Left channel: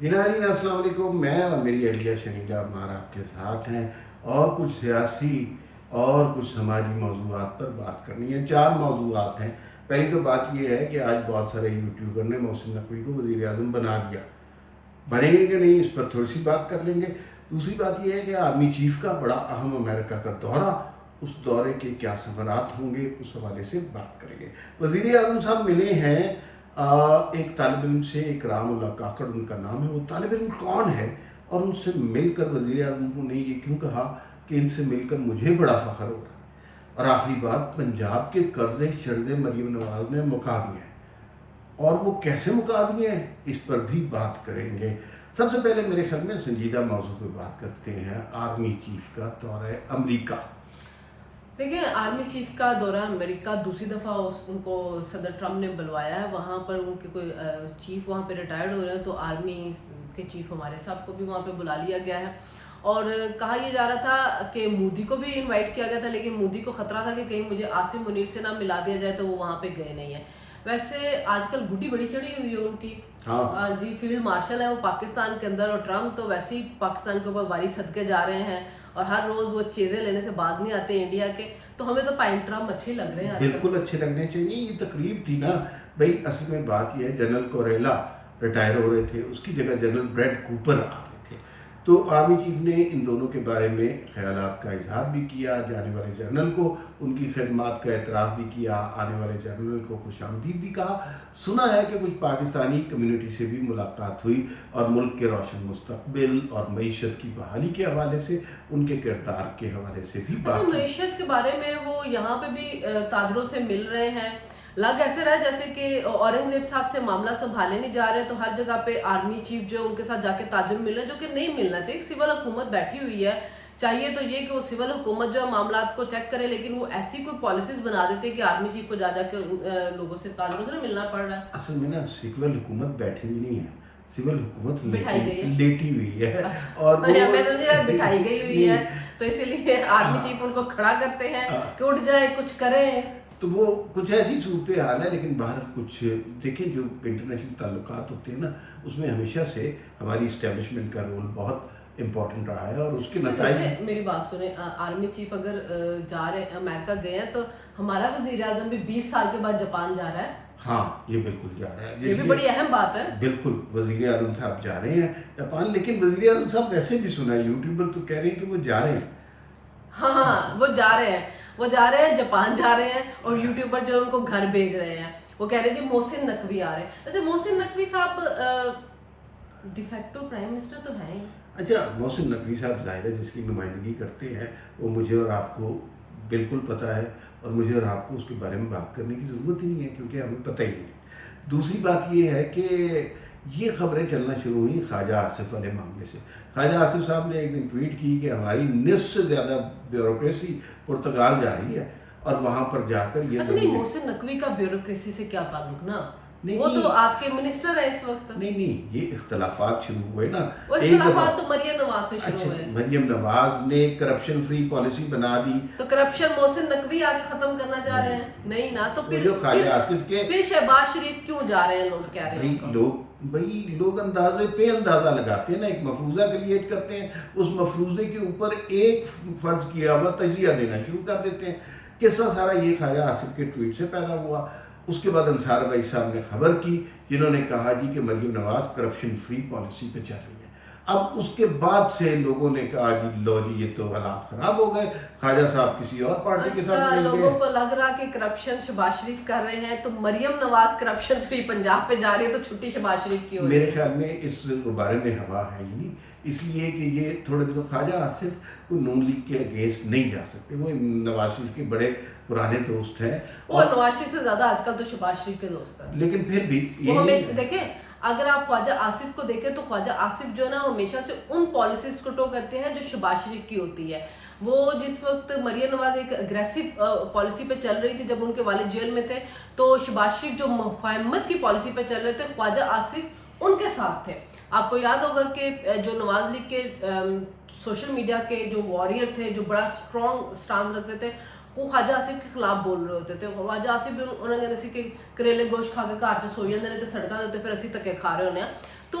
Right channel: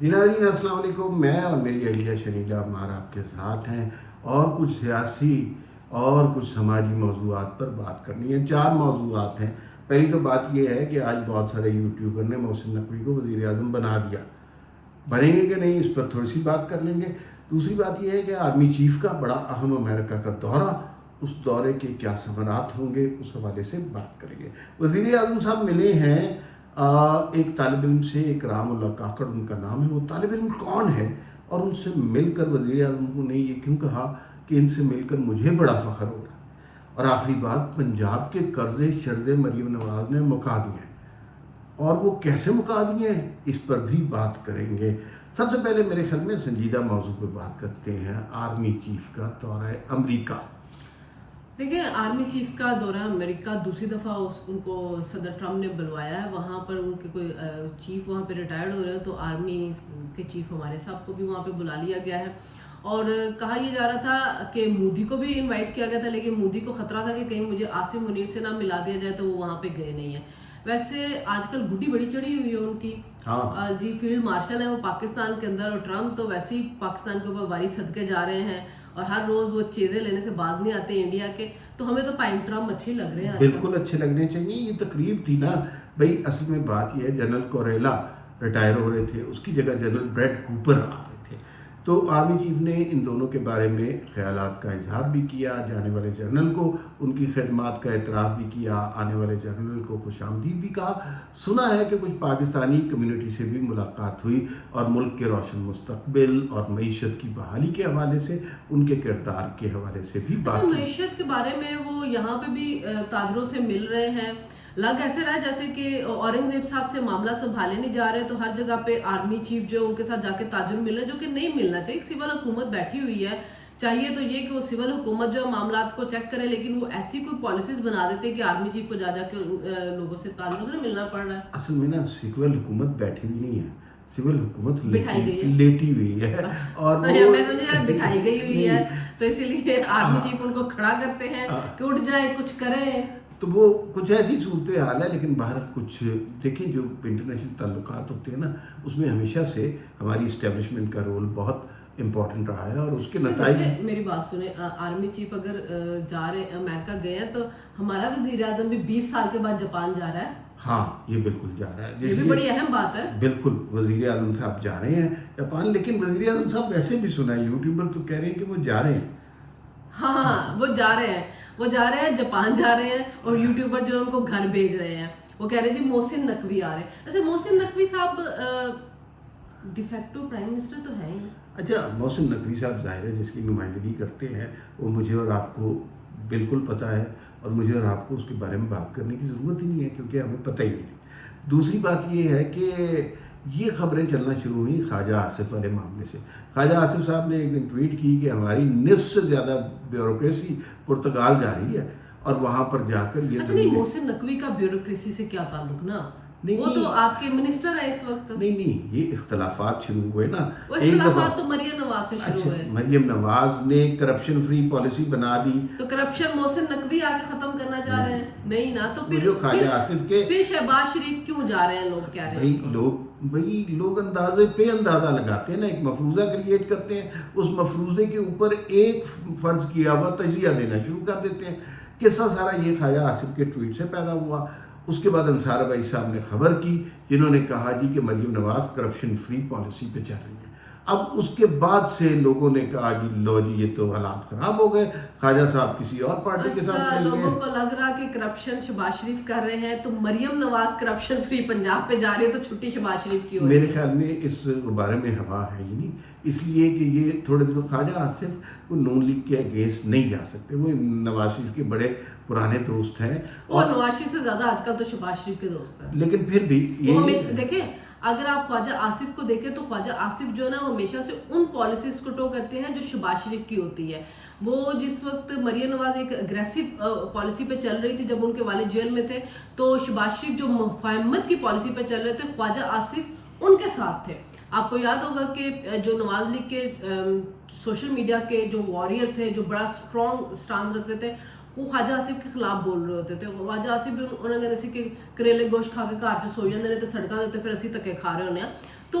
جی ناظرین السلام علیکم، میں اور میری اہلیہ شنیجہ عمار آپ کے ساتھ ہیں اور کچھ سیاسی اور کچھ سماجی موضوعات پر بات کرنی ہے۔ 4 موضوعات ہیں۔ پہلی تو بات یہ ہے کہ آج بہت سارے یوٹیوبر نے محسن نقوی کو وزیر اعظم بنا دیا، بنیں گے کہ نہیں اس پر تھوڑی سی بات کر لیں گے۔ دوسری بات یہ ہے کہ آرمی چیف کا بڑا اہم امریکہ کا دورہ، اس دورے کے کیا ثمرات ہوں گے اس حوالے سے بات کریں گے۔ وزیر اعظم صاحب ملے ہیں ایک طالب علم سے، اکرام اللہ کاکڑ ان کا نام ہے۔ وہ طالب علم کون ہے اور ان سے مل کر وزیر اعظم کو نے یہ کیوں کہا کہ ان سے مل کر مجھے بڑا فخر ہو رہا ہے؟ اور آخری بات، پنجاب کے قرضے شرضے مریم نواز نے مکا دیے ہیں، اور وہ کیسے مکا دیے ہیں اس پر بھی بات کریں گے۔ سب سے پہلے میرے خیال میں سنجیدہ موضوع پہ بات کرتے ہیں، آرمی چیف کا دورہ امریکہ۔ دیکھیں، آرمی چیف کا دورہ امریکہ دوسری دفعہ ان کو صدر ٹرمپ نے بلوایا ہے۔ وہاں پر ان کے کوئی چیف وہاں پہ ریٹائرڈ ہو رہے ہیں، تو آرمی کے چیف ہمارے صاحب کو بھی وہاں پہ بلا لیا گیا ہے۔ اور کہا یہ جا رہا تھا کہ مودی کو بھی انوائٹ کیا گیا تھا، لیکن مودی کو خطرہ تھا کہ کہیں مجھے عاصم منیر سے نہ ملا دیا جائے، تو وہ وہاں پہ گئے نہیں ہیں۔ ویسے آج کل گڈی بڑی چڑھی ہوئی ہے ان کی، جی فیلڈ مارشل ہیں وہ پاکستان کے اندر، اور ٹرمپ تو ویسے ہی پاکستان کے اوپر واری صدقے جا رہے ہیں اور ہر روز وہ چیزیں لینے سے باز نہیں آتے انڈیا کے۔ تو ہمیں تو ٹرمپ اچھے لگ رہے ہیں۔ بالکل اچھے لگنے چاہیے۔ یہ تقریب تھی نا بھائی، اصل میں بات یہ ہے جنرل کوریلا ریٹائر ہو رہے تھے، اس کی جگہ جنرل بریڈ کوپر آ رہے تھے، تو آرمی چیف نے ان دونوں کے بارے میں خیالات کا اظہار بھی کیا، جانے والے جنرل کو ان کی خدمات کا اعتراف بھی کیا، آنے والے جنرل کو خوش آمدید بھی کہا۔ سنا ہے کہ کچھ پاکستانی کمیونٹی سے بھی ملاقات ہوئی اور ملک کے روشن مستقبل اور معیشت کی بحالی کے حوالے سے، ان کے کردار کے حوالے سے بھی بات ہوئی۔ معیشت کے بارے میں وہ یہاں پہ بھی تاجروں سے مل رہے ہیں۔ لگ ایسے رہا ہے جیسے کہ اورنگزیب صاحب سے معاملہ سنبھالے نہیں جا رہے، تو ہر جگہ پہ آرمی چیف جو ان کے ساتھ جا کے تاجر مل رہے ہیں، جو کہ نہیں ملنا چاہیے۔ سول حکومت بیٹھی ہوئی ہے، چاہیے تو یہ کہ وہ سول حکومت جو معاملات کو چیک کرے، لیکن وہ ایسی کوئی پالیسیز بنا دیتے کہ آرمی چیف کو جا جا کے لوگوں سے تاجروں سے ملنا پڑ رہا ہے۔ اصل میں نا سول حکومت بیٹھی ہوئی نہیں ہے، سول حکومت بٹھائی گئی ہے، لیٹی ہوئی ہے، اور میں سمجھے بٹھائی گئی ہوئی ہے، تو اسی لیے آرمی چیف ان کو کھڑا کرتے ہیں کہ اٹھ جائے کچھ کریں۔ تو وہ کچھ ایسی صورتحال ہے، لیکن باہر کچھ دیکھیں، جو انٹرنیشنل تعلقات ہوتے ہیں نا، اس میں ہمیشہ سے ہماری اسٹیبلشمنٹ کا رول بہت امپورٹنٹ رہا ہے، اور اس کے نتائج۔ میری بات سنیں، آرمی چیف اگر جا رہے ہیں امریکہ گئے ہیں، تو ہمارا وزیر اعظم بھی 20 سال کے بعد جاپان جا رہا ہے۔ ہاں یہ بالکل جا رہا ہے، یہ بھی بڑی اہم بات ہے۔ بالکل وزیر اعظم صاحب جا رہے ہیں جاپان، لیکن وزیر اعظم صاحب ویسے بھی سنا ہے، یوٹیوبر تو کہہ رہے ہیں کہ وہ جا رہے ہیں۔ ہاں وہ جا رہے ہیں، وہ جا رہے ہیں، جاپان جا رہے ہیں، اور یوٹیوبر جو ان کو گھر بھیج رہے ہیں، وہ کہہ رہے ہیں جی محسن نقوی آ رہے ہیں۔ ویسے محسن نقوی صاحب ڈیفیکٹو پرائم منسٹر تو ہیں ہی۔ اچھا، محسن نقوی صاحب ظاہر ہے جس کی نمائندگی کرتے ہیں، وہ مجھے اور آپ کو بالکل پتہ ہے، اور مجھے اور آپ کو اس کے بارے میں بات کرنے کی ضرورت ہی نہیں ہے، کیونکہ ہمیں پتہ ہی نہیں ہے۔ دوسری بات یہ ہے کہ یہ خبریں چلنا شروع ہوئی خواجہ آصف والے معاملے سے۔ خواجہ آصف صاحب نے ایک دن ٹویٹ کی کہ ہماری نصف سے زیادہ بیوروکریسی پرتگال جا رہی ہے، اور وہاں پر جا کر یہ محسن نقوی کا بیوروکریسی سے کیا تعلق نا؟ وہ تو آپ کے منسٹر ہیں اس وقت۔ نہیں، یہ اختلافات شروع ہوئے نا، وہ اختلافات تو مریم نواز سے شروع ہوئے۔ مریم نواز نے کرپشن فری پالیسی بنا دی، تو کرپشن محسن نقوی آگے ختم کرنا چاہ رہے ہیں؟ نہیں نا، تو خواجہ آصف کے پھر شہباز شریف کیوں جا رہے ہیں؟ لوگ کہہ رہے ہیں، لوگ اندازے پہ اندازہ لگاتے ہیں نا، ایک مفروضہ کریٹ کرتے ہیں، اس مفروضے کے اوپر ایک فرض کیا ہوا تجزیہ دینا شروع کر دیتے ہیں۔ قصہ سارا یہ خواجہ آصف کے ٹویٹ سے پیدا ہوا۔ اس کے بعد انصار بھائی صاحب نے خبر کی، جنہوں نے کہا جی کہ Maryam Nawaz corruption free policy پہ چل رہی ہے۔ اب اس کے بعد سے لوگوں نے کہا جی لو جی یہ تو حالات خراب ہو گئے، خواجہ صاحب کسی اور پارٹی کے ساتھ مل گئے۔ لوگوں کو لگ رہا کہ کرپشن شہباز شریف کر رہے ہیں، تو مریم نواز کرپشن فری پنجاب پہ جا رہی ہے، تو چھٹی شہباز شریف کی ہو رہی ہے۔ میرے خیال میں اس بارے میں ہوا ہے ہی نہیں، اس لیے کہ یہ تھوڑے دنوں خواجہ آصف کو نون لیگ کے اگینسٹ نہیں جا سکتے، وہ نواز شریف کے بڑے پرانے دوست ہیں، اور نواز شریف سے زیادہ آج کل تو شہباز شریف کے دوست ہیں، لیکن پھر بھی دیکھیں اگر آپ خواجہ آصف کو دیکھیں تو خواجہ آصف جو ہے نا، وہ ہمیشہ سے ان پالیسیز کو ٹو کرتے ہیں جو شہباز شریف کی ہوتی ہے۔ وہ جس وقت مریم نواز ایک اگریسو پالیسی پہ چل رہی تھی، جب ان کے والد جیل میں تھے، تو شہباز شریف جو مفاہمت کی پالیسی پہ چل رہے تھے، خواجہ آصف ان کے ساتھ تھے۔ آپ کو یاد ہوگا کہ جو نواز لیگ کے سوشل میڈیا کے جو واریر تھے، جو بڑا اسٹرانگ سٹانس رکھتے تھے، وہ خواجہ آصف کے خلاف بول رہے ہوتے تھے۔ خواجہ آصف بھی انہوں نے جیسے کہ کریلے گوشت کھا کے گھر چ سوئی جاندے نے تے سڑکاں دے تے پھر اسی تکے کھا رہے ہونے ہیں۔ تو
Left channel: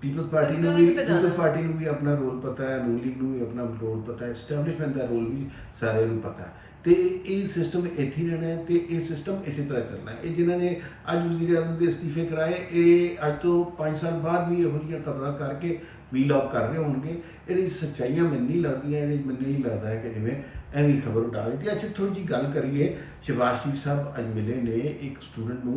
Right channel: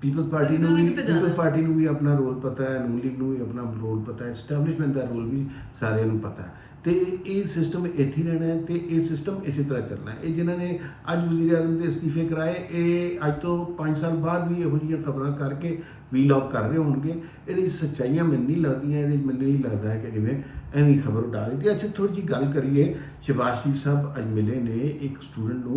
ਪੀਪਲਸ ਪਾਰਟੀ System ਨੂੰ ਨੇ ਵੀ ਕਿਤੇ ਜਾਣਾ। ਪਾਰਟੀ ਨੂੰ ਵੀ ਆਪਣਾ ਰੋਲ ਪਤਾ ਹੈ, ਨੂਨ ਲੀਗ ਨੂੰ ਵੀ ਆਪਣਾ ਰੋਲ ਪਤਾ ਹੈ, ਐਸਟੈਬਲਿਸ਼ਮੈਂਟ ਦਾ ਰੋਲ ਵੀ ਸਾਰਿਆਂ ਨੂੰ ਪਤਾ ਹੈ, ਤੇ ਇਹ ਸਿਸਟਮ ਇੱਥੇ ਹੀ ਰਹਿਣਾ ਹੈ ਤੇ ਇਹ ਸਿਸਟਮ ਇਸੇ ਤਰ੍ਹਾਂ ਚੱਲਣਾ ਹੈ। ਇਹ ਜਿਨ੍ਹਾਂ ਨੇ ਅੱਜ ਵਜ਼ੀਰ ਆਜ਼ਮ ਦੇ ਅਸਤੀਫੇ ਕਰਾਏ, ਇਹ ਅੱਜ ਤੋਂ 5 ਸਾਲ ਬਾਅਦ ਵੀ ਇਹੋ ਜਿਹੀਆਂ ਖਬਰਾਂ ਕਰਕੇ ਵੀਲੌਗ ਕਰ ਰਹੇ ਹੋਣਗੇ। ਇਹਦੀ ਸੱਚਾਈਆਂ ਮੈਨੂੰ ਨਹੀਂ ਲੱਗਦੀਆਂ, ਮੈਨੂੰ ਨਹੀਂ ਲੱਗਦਾ ਹੈ ਕਿ ਜਿਵੇਂ ਐਵੇਂ ਖਬਰ ਉਡਾ ਦਿੱਤੀ। ਅੱਛਾ, ਥੋੜੀ ਜਿਹੀ ਗੱਲ ਕਰੀਏ, ਸ਼ਹਬਾਜ਼ ਸ਼ਰੀਫ ਸਾਹਿਬ ਅੱਜ ਮਿਲੇ ਨੇ ਇੱਕ ਸਟੂਡੈਂਟ ਨੂੰ,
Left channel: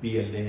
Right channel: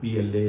PLA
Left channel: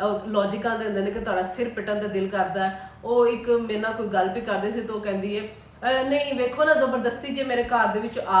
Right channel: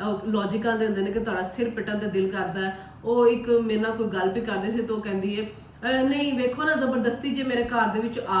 ਲੌਜਿਕਾਂ ਦੇ ਹੁੰਦੇ ਨੇ ਕਿ ਤੁਹਾਡਾ ਸਿਰ ਪਿੱਟਣ ਤੇ ਦਿਲ ਕਰਦਾ ਹੈ। ਉਹ ਇੱਕ ਮੇਰੇ ਨਾਲ ਕੋਈ ਗੱਲ ਵੀ ਕਰਦੇ ਸੀ ਤਾਂ ਉਹ ਕਹਿੰਦੀ ਹੈ ਨਹੀਂ ਵੇਖੋ ਨਾ ਜ਼ਬਰਦਸਤੀ ਜੇ ਮੇਰੇ ਘਰ ਦੇ ਵਿੱਚ ਆ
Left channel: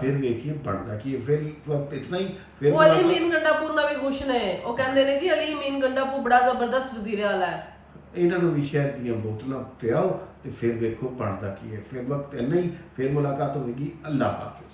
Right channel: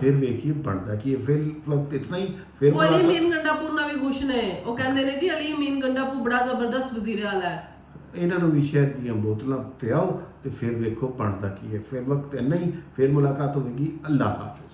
ਫਿਰ ਵੇਖੀਏ ਬਣਦਾ ਕੀ ਹੈ। ਫਿਰ ਵਕਤ ਇਤਨਾ ਹੀ ਫਿਰ ਉਹ ਅਲੀ ਅਮੀਨ ਗੰਡਾਪੁਰ ਨਾਲ ਵੀ ਖੁਸ਼ ਨੇ। ਉਹ ਕਹਿੰਦੇ ਨੇ ਜੀ ਅਲੀ ਅਮੀਨ ਗੰਡਾਪੁਰ ਬੜਾ ਜ਼ਬਰਦਸਤ ਵਜ਼ੀਰ ਆਲਾ ਹੈ। ਇਹਨਾਂ ਨੂੰ ਵੀ ਸ਼ਹਿਦ ਦੀਆਂ ਬੋਤਲਾਂ ਪਿਆਓ ਤੇ ਫਿਰ ਵੇਖੋ ਬਣਦਾ ਕੀ ਹੈ। ਫਿਰ ਵਕਤ ਇੰਨਾ ਹੀ, ਫਿਰ ਮੁਲਾਕਾਤ ਹੋਵੇਗੀ। ਅੱਲਾਹ ਹਾਫਿਜ਼।